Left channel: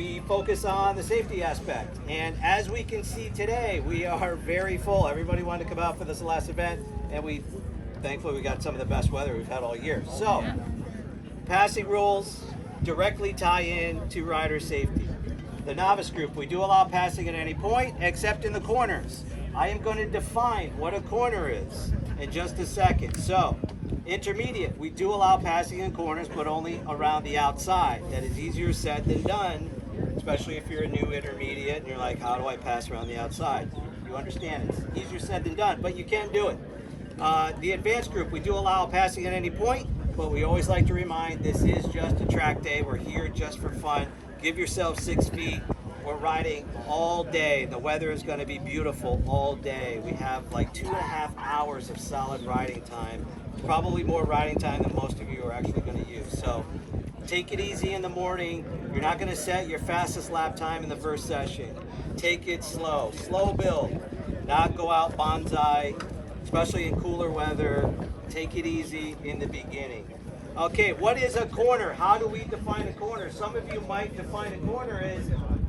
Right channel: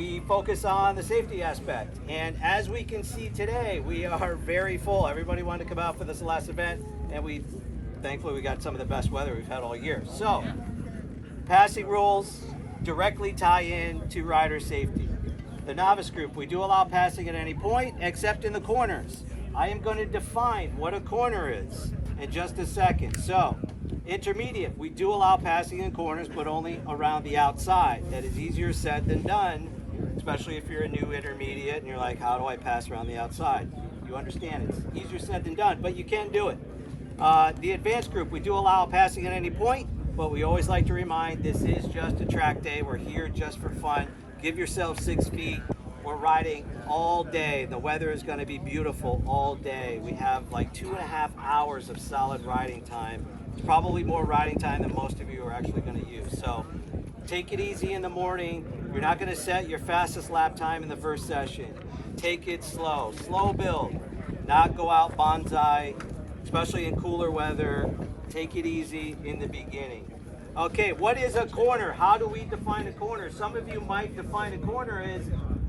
we focus on the safety aspect. And as we can see today, we are very full. Everybody wanted to come out for this last event, and thankfully we got some of the best weather we've had all year. So, passing rules directly tie in to rider safety. The novice group, we do allow passing at any point except in the corners. I am going to define what a corner is in just a second. So, intermediate, we do allow passing in corners, but only around the outside. That is easier said than done, especially if you're a new intermediate and you're like, how do I pass around the outside? You understand it's easier said than done, but you can do it. The advanced group, we do allow passing at any point, but we always like to remind this is just a track day. We're here just for fun. Give yourself 6 feet. We're riding all day. The weather is going to be beautiful all day. We have like 2.5 hours of solid riding time. Probably more riding time than most of you are actually going to use. So take it easy in the morning. You're not going to set your fastest lap time in the first session. Take it slow. Slow build. Not go out bonsai, especially in cooler weather. Take it easy in the beginning. Okay, what is a corner? How do we define a corner? Some of you might define a corner as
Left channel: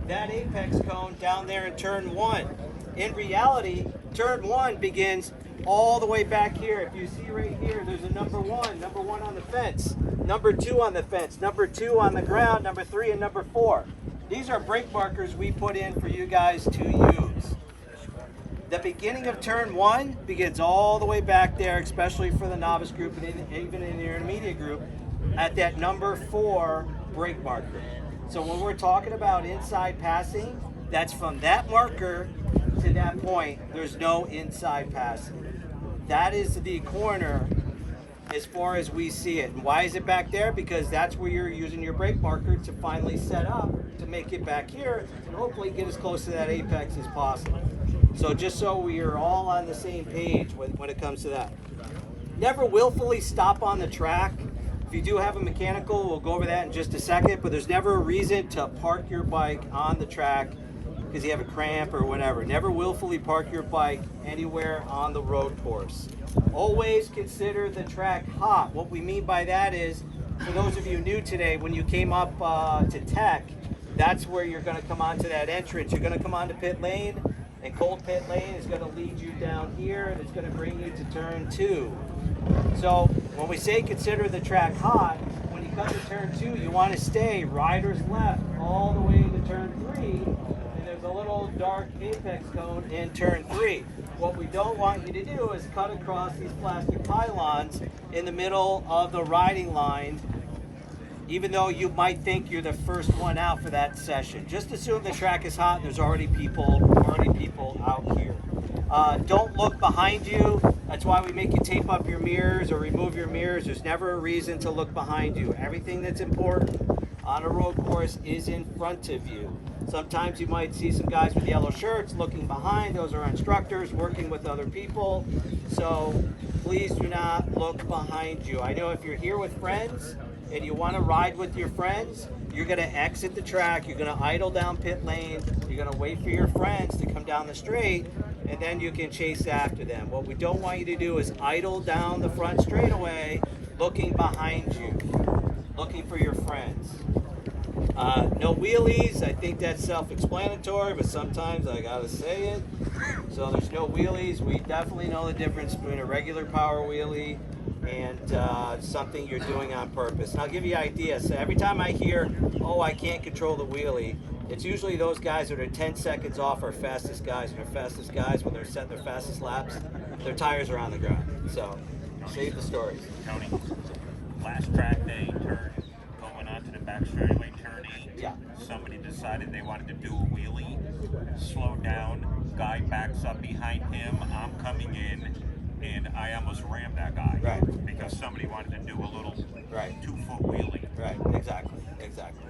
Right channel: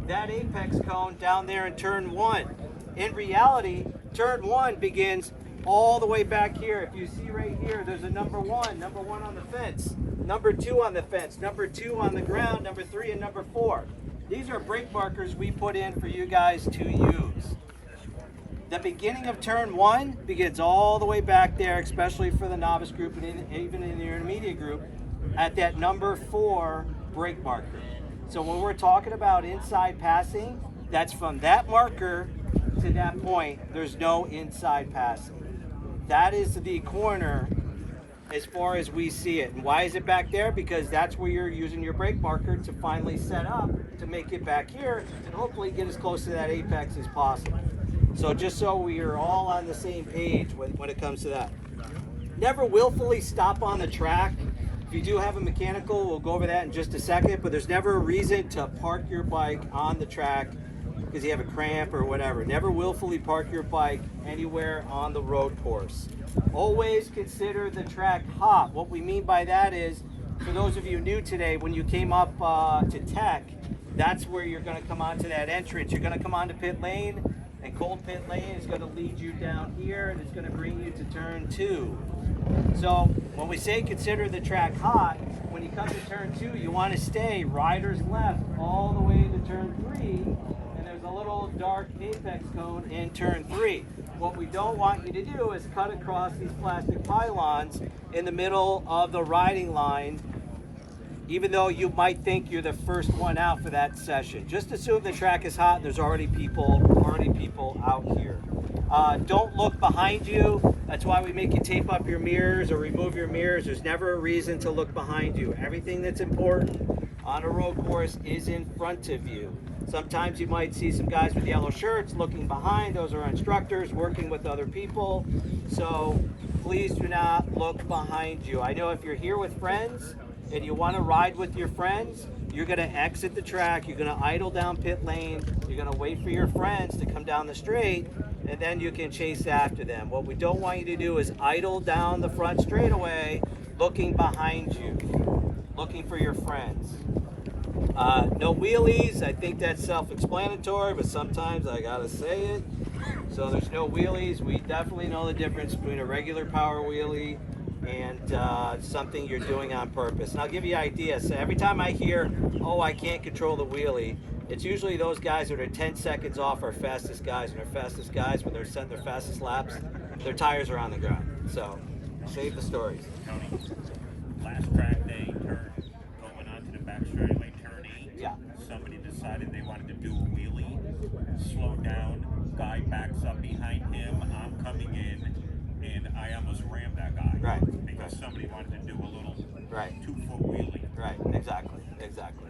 that apex cone down there in turn 1. In reality, turn 1 begins all the way back here. If you see right here, there's a number 1 on the fence, number 2 on the fence, number 2 on the ground, number 3 and number 4. These are brake markers we put in for you guys to use. The beginning of turn 1 begins all the way back there, especially for the novice group and even in the intermediate group, at that number 4 brake marker. So when we're talking about inside passing, that's from that marker to that point. There's no inside passing. That is the corner as far as we see it. And why is it back there? Because that's where you're using your brake marker to finally set up to make it back here and hopefully get as close to that apex as possible. So just so we are all on the same page when it comes to that. Never willfully stop on the track. If you do have a mechanical, we'll go over that in just a second, but there's never a reason to park your bike on the track because you have a cramp or whatever. Never willfully park your bike anywhere on the road course. Always consider the track hot. What we mean by that is, for those of you new today, when you came up to Tech, that's where you're going to come onto that entrance. You're going to come onto pit lane, and cold pit lane is going to lead you down here, and it's going to bring you to turn 2. So when we say consider the track hot, when you come to turn 2, you want to stay riders left all the way to turn 3, and there's a little dark apex cone in turn 3. What we don't want you to do is cut across these plastic pylons in the middle of the riding line, even though you might think you're the first one out for that session. Just assume the track is hot and there's already people out here. Don't look behind you. That's why we make you tape up your mirrors or remove your mirrors. There's never a reason to look behind you. Everything that's important on a road course is in front of you. Sometimes you might see some guys with yellow shirts looking behind. Those are instructors working with other people. So please do not look behind you. I know if you're here with friends and you want to ride with your friends, you're going to exit the track, you're going to idle down pit lane, you're going to wait for your friends to come down the straight, and then you can chase after them. What we don't want you to do is idle down the front straightaway looking behind you, looking for your friends. No wheelies. I think that's self-explanatory, but sometimes I gotta say it. So there's no wheelies. We definitely know the difference between a regular power wheelie and something you're doing on purpose. And I'll give you an idea. So every time I hear, oh, I can't control the wheelie, it's usually those guys that are 10 seconds off our fastest guys. And our fastest guys, when they're setting their fastest laps, their tires are on the ground. So save the stories. Tony, last track day, going onto the back straightaway, turn 8. Yeah. Somebody decided they wanted to do a wheelie, slow down, guy backs up behind him, I'm coming in, and I almost rammed that guy. Right. Because somebody wanted to do a little Right. 2-foot wheelie. Right, exactly.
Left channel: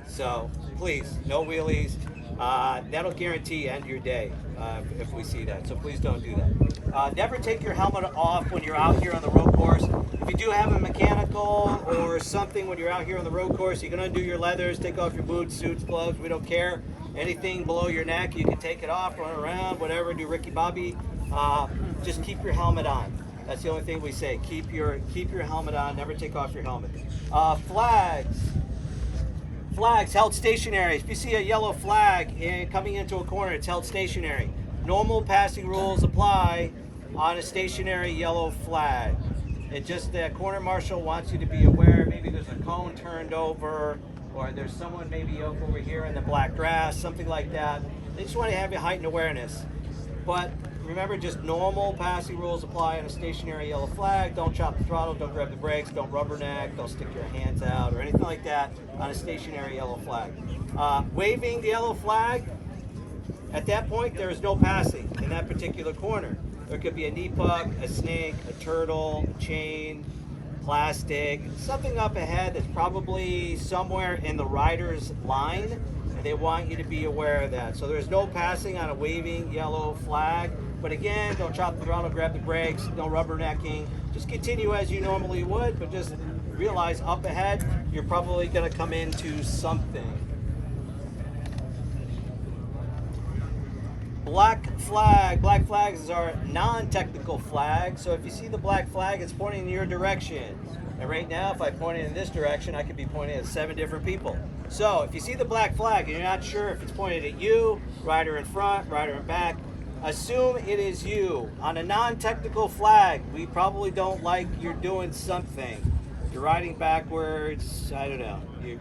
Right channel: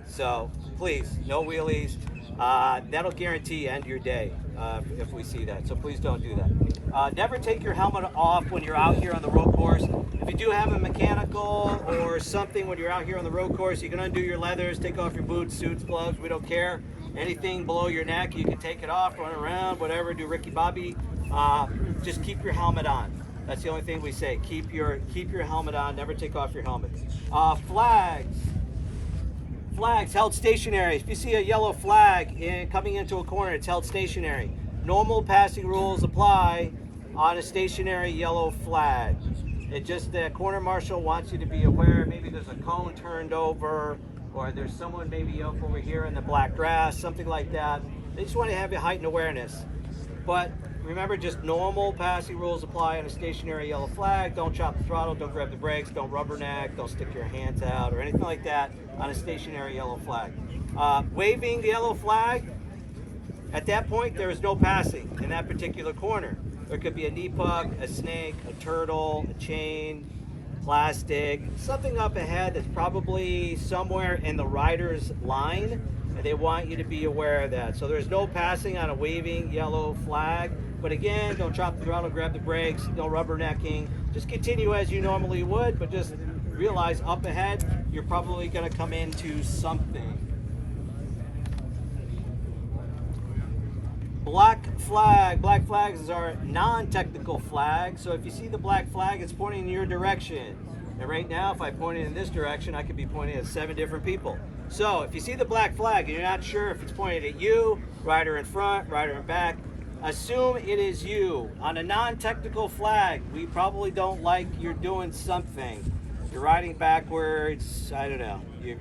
So please, no wheelies. That'll guarantee end your day if we see that. So please don't do that. Never take your helmet off when you're out here on the road course. If you do have a mechanical or something when you're out here on the road course, you're going to undo your leathers, take off your boots, suits, gloves. We don't care. Anything below your neck, you can take it off, run around, whatever, do Ricky Bobby. Just keep your helmet on. That's the only thing we say. Keep your helmet on. Never take off your helmet. Flags. Flags held stationary. If you see a yellow flag coming into a corner, it's held stationary. Normal passing rules apply on a stationary yellow flag. It just, the corner marshal wants you to be aware, maybe there's a cone turned over, or there's someone maybe over here in the black grass, something like that. They just want to have you heightened awareness. But remember, just normal passing rules apply on a stationary yellow flag. Don't chop the throttle, don't grab the brakes, don't rubberneck, don't stick your hands out or anything like that on a stationary yellow flag. Waving the yellow flag, at that point there is no passing in that particular corner. There could be a knee pug, a snake, a turtle, a chain, plastic, something up ahead that's probably somewhere in the rider's line, and they want you to be aware of that. So there's no passing on a waving yellow flag. But again, don't chop the throttle, grab the brakes, no rubbernecking. Just continue as you normally would, but just realize up ahead, you're probably gonna come into something. Black flag. Black flags are non-technical flags. So if you see the black flag, it's pointing in your direction. And right now, if I point it in this direction, I could be pointing at 7 different people. So if you see the black flag and you're not sure if it's pointed at you, rider in front, rider in back, assume it is you. On a non-technical flag, we probably don't like you're doing something. You're riding backwards, I don't know. You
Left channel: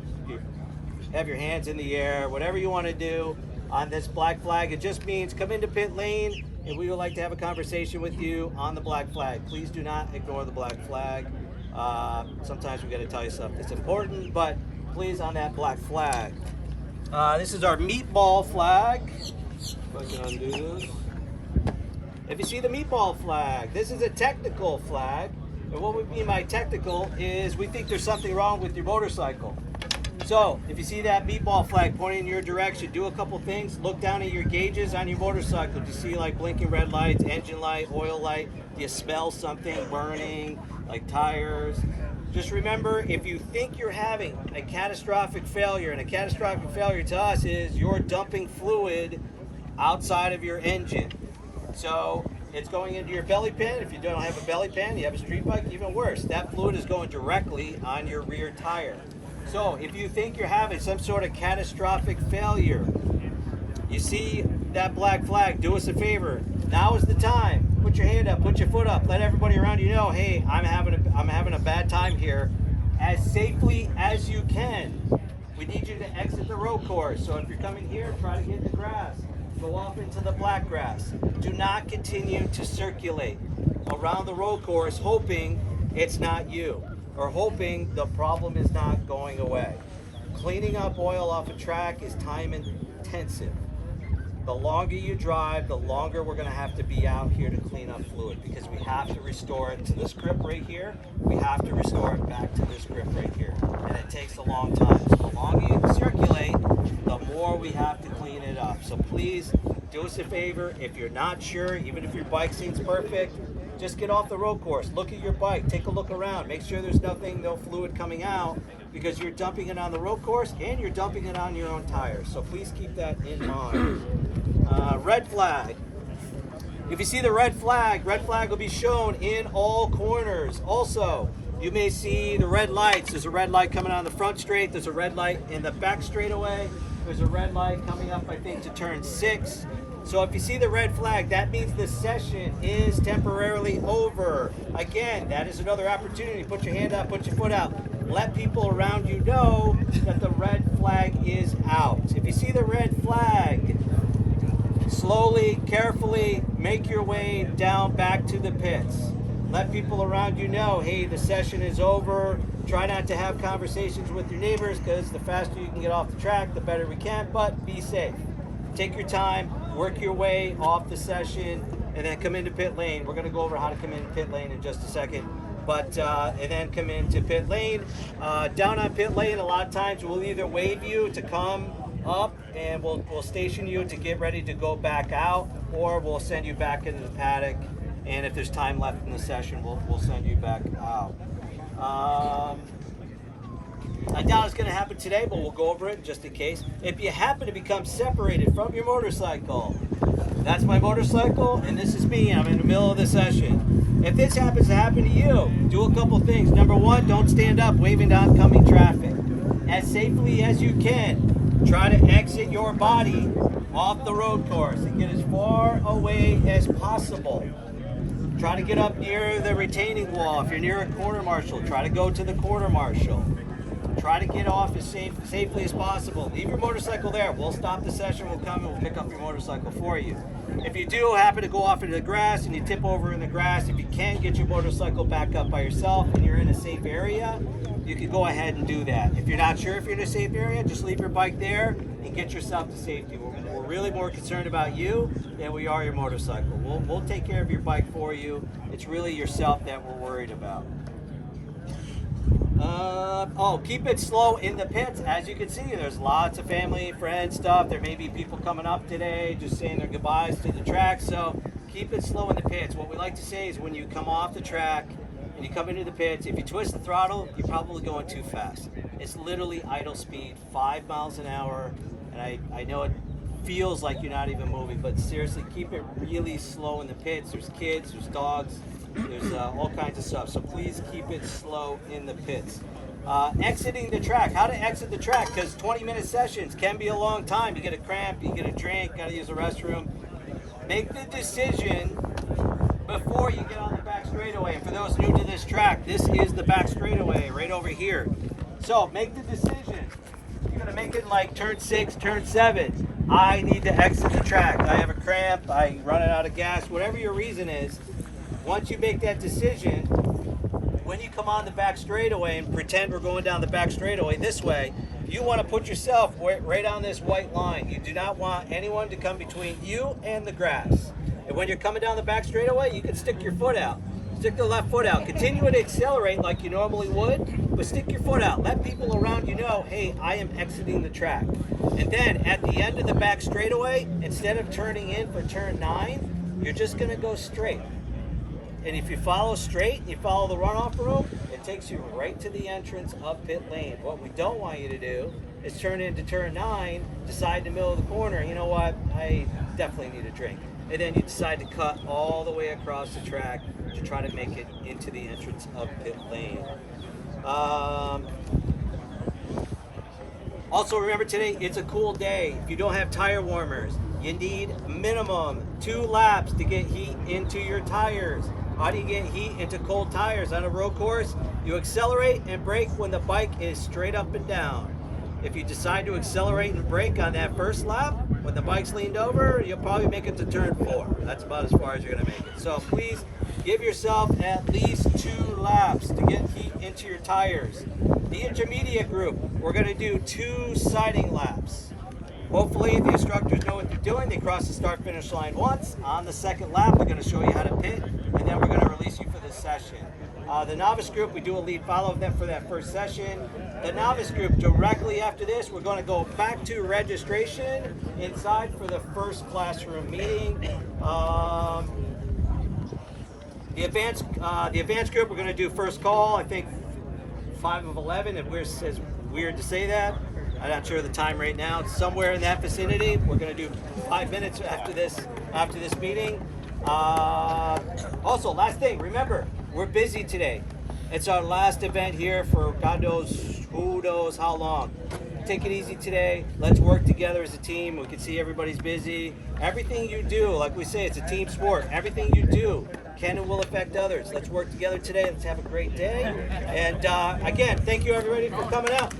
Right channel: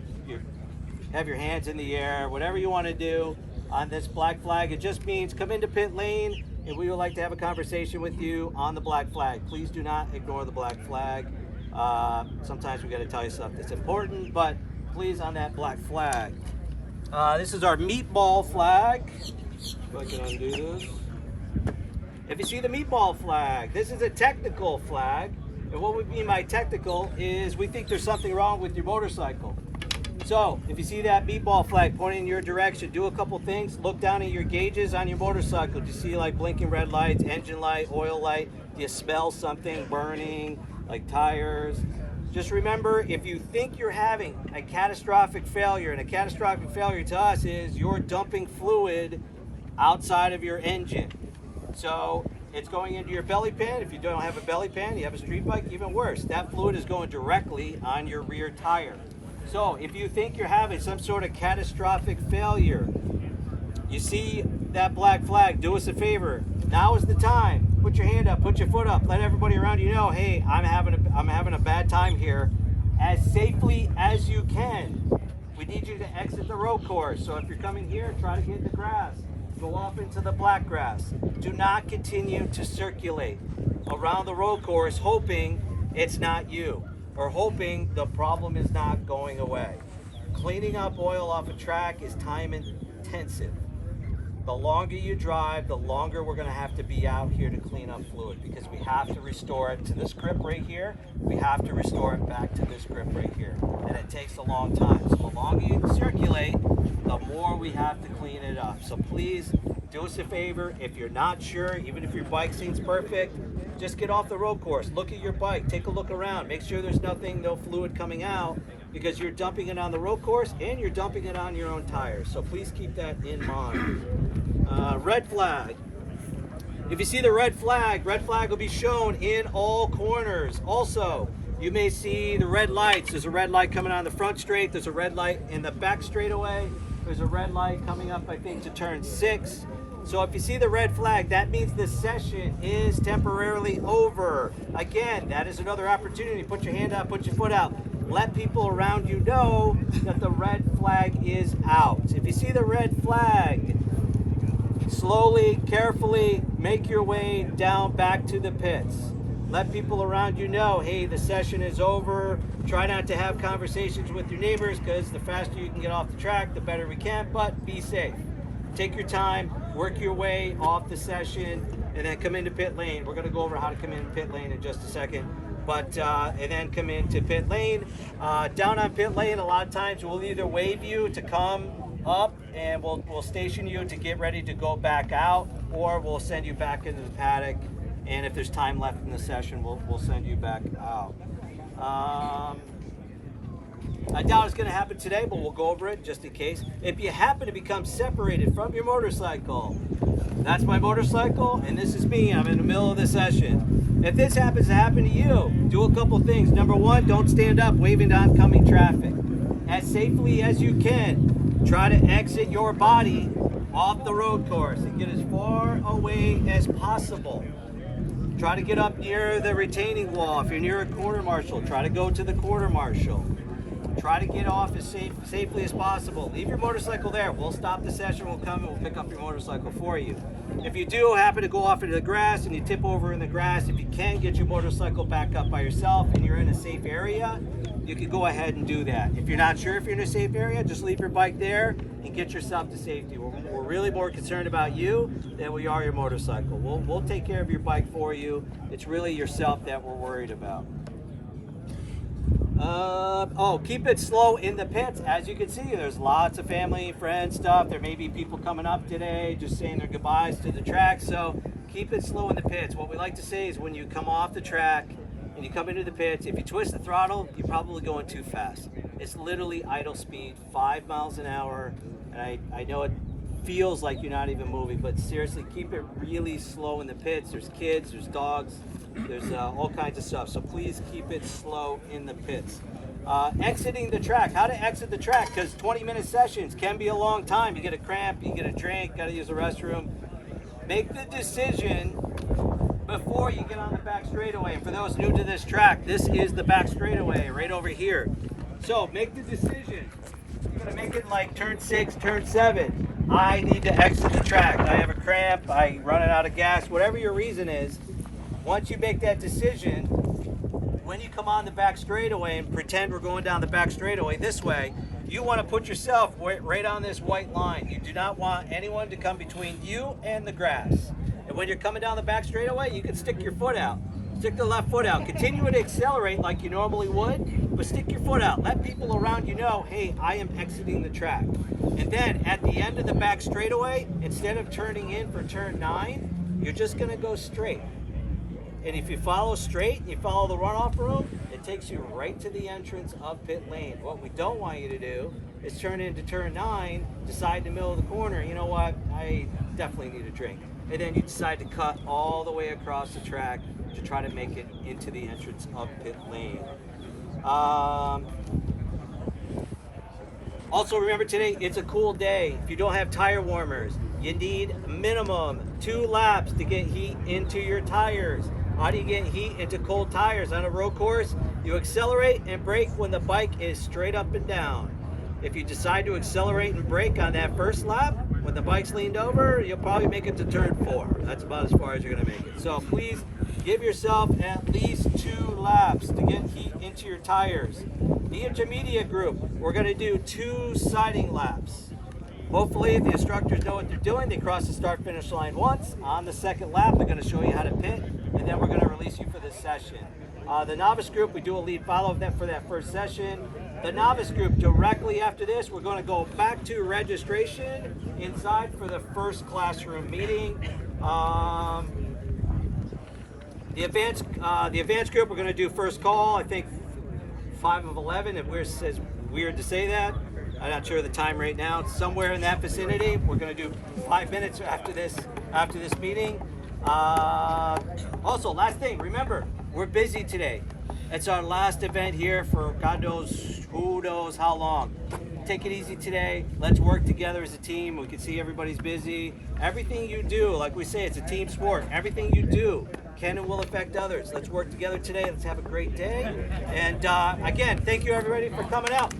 have your hands in the air, whatever you want to do. On this black flag, it just means come into pit lane and we would like to have a conversation with you on the black flag. Please do not ignore the black flag. Sometimes we got to tell you stuff that's important, but please on that black flag. This is our meatball flag. If I can undo this. If you see the meatball flag, this is a technical flag. And what we mean by technical is we think there's something wrong with your motorcycle. So if you see that meatball flag pointing in your direction, do a couple things. Look down at your gauges on your motorcycle. Do you see like blinking red lights, engine light, oil light? Do you smell something burning, like tires? Just remember, if you think you're having a catastrophic failure, and a catastrophic failure to us is you're dumping fluid outside of your engine. So it's going into your belly pan. If you don't have a belly pan, you have a street bike, even worse. That fluid is going directly on your rear tire. So if you think you're having some sort of catastrophic failure, you see that black flag, do us a favor. Now is the time. Put your hand up, put your foot up. Let everybody around you know, hey, I'm having a bad time here. As safely as you can. We need you to exit the road course. So if you're coming here, try to get in the grass. Go off into the black grass. Do not continue to circulate around the road course hoping it's not you, or hoping the problem is not going away. Cleaning up oil off a track is time intensive. The longer you drive, the longer we're gonna have to be out here to clean up fluid, because we have to restore it to this grip right here. We have to restore it back to this grip right here. And it takes a long time. So the longer you circulate, the more we have to clean it up. So please do us a favor. If you're not sure, even if your bike seems perfect, just get off the road course. Look at your bike, take a look around. Make sure there's no fluid coming out, because you're dumping it on the road course and you're dumping it on your own tires. So please keep that in mind. Red flag. If you see the red flag will be shown in all corners. Also, you may see the red lights. There's a red light coming on the front straight. There's a red light in the back straightaway. There's a red light coming up, I think, to turn 6. So if you see the red flag, that means the session is temporarily over. Again, that is another opportunity. Put your hand up, put your foot out. Let people around you know that the red flag is out. If you see the red flag, slowly, carefully make your way down back to the pits. Let people around you know, hey, the session is over. Try not to have conversations with your neighbors, because the faster you can get off the track, the better we can, but be safe. Take your time, work your way off the session, and then come into pit lane. We're gonna go over how to come into pit lane in just a second. But, and then come into pit lane. Down on pit lane, a lot of times we'll either wave you to come up, and we'll station you to get ready to go back out, or we'll send you back into the paddock, and if there's time left in the session, we'll send you back out. I doubt it's going to happen today, but we'll go over it just in case. If you happen to become separated from your motorcycle, that's my motorcycle, and this is me. I'm in the middle of the session. If this happens to happen to you, do a couple things. Number one, don't stand up waving to oncoming traffic. as safely as you can, try to exit your body off the road course and get as far away as possible. Try to get up near the retaining wall. If you're near a quarter marshal, try to go to the quarter marshal. Try to get off as safely as possible. Leave your motorcycle there. We'll stop the session. We'll come and we'll pick up your motorcycle for you. If you do happen to go off into the grass and you tip over in the grass, if you can get your motorcycle back up by yourself and you're in a safe area, you can go ahead and do that. If you're not sure if you're in a safe area, just leave your bike there and get yourself to safety. We're really more concerned about you than we are your motorcycle. We'll take care of your bike for you. It's really yourself that we're worried about. Keep it slow in the pits. As you can see, there's lots of family, friends stuff. There may be people coming up today just saying their goodbyes to the track. So keep it slow in the pits. What we like to say is when you come off the track and you come into the pits, if you twist the throttle, you're probably going too fast. It's literally idle speed, 5 miles an hour. And I know it feels like you're not even moving, but seriously, keep it really slow in the pits. There's kids, there's dogs, there's all kinds of stuff. So please keep it slow in the pits. Exiting the track, how to exit the track, because 20-minute sessions can be a long time. You get a cramp, you get a drink, got to use the restroom. Make the decision before you get on the back straightaway. And for those new to this track, this is the back straightaway right over here. So make the decision. You're going to make it like turn 6, turn 7. I need to exit the track. I have a cramp, I'm running out of gas, whatever your reason is. Once you make that decision, when you come on the back straightaway and pretend we're going down the back straightaway this way, you want to put yourself right on this white line. You do not want anyone to come between you and the grass. And when you're coming down the back straightaway, you can stick your foot out. Stick the left foot out. Continue to accelerate like you normally would, but stick your foot out. Let people around you know, hey, I am exiting the track. And then at the end of the back straightaway, instead of turning in for turn 9, you're just going to go straight. And if you follow straight and you follow the runoff room, it takes you right to the entrance of pit lane. What we don't want you to do is turn into turn 9, decide in the middle of the corner, you know what, I definitely need a drink. And then you decide to cut all the way across the track to try to make it into the entrance of pit lane. Also remember today, it's a cool day. If you don't have tire warmers, you need minimum 2 laps to get heat into your tires. How do you get heat into cold tires on a road course? You accelerate and brake when the bike is straight up and down. If you decide to accelerate and brake on that first lap, when the bike's leaned over, you'll probably make it to turn 4. That's about as far as you're gonna make it. So please give yourself at least 2 laps to get heat into your tires. The intermediate group, we're gonna do 2 siding laps. Hopefully the instructors know what they're doing. They cross the start finish line once. On the second lap, they're gonna show you how to pit, and then we're gonna release you for this session. The novice group, we do a lead follow them for that first session. The novice group, directly after this, we're gonna go back to registration inside for the first classroom meeting. The advanced group, we're gonna do first call, I think 5 of 11, if it's weird to say that. I'm not sure of the time right now. It's somewhere in that vicinity. We're going to do 5 minutes after this meeting. Also, last thing, remember, we're busy today. It's our last event here for God knows, who knows how long. Take it easy today. Let's work together as a team. We can see everybody's busy. Everything you do, like we say, it's a team sport. Everything you do can and will affect others. Let's work together today. Let's have a great day. And again, thank you everybody for coming out.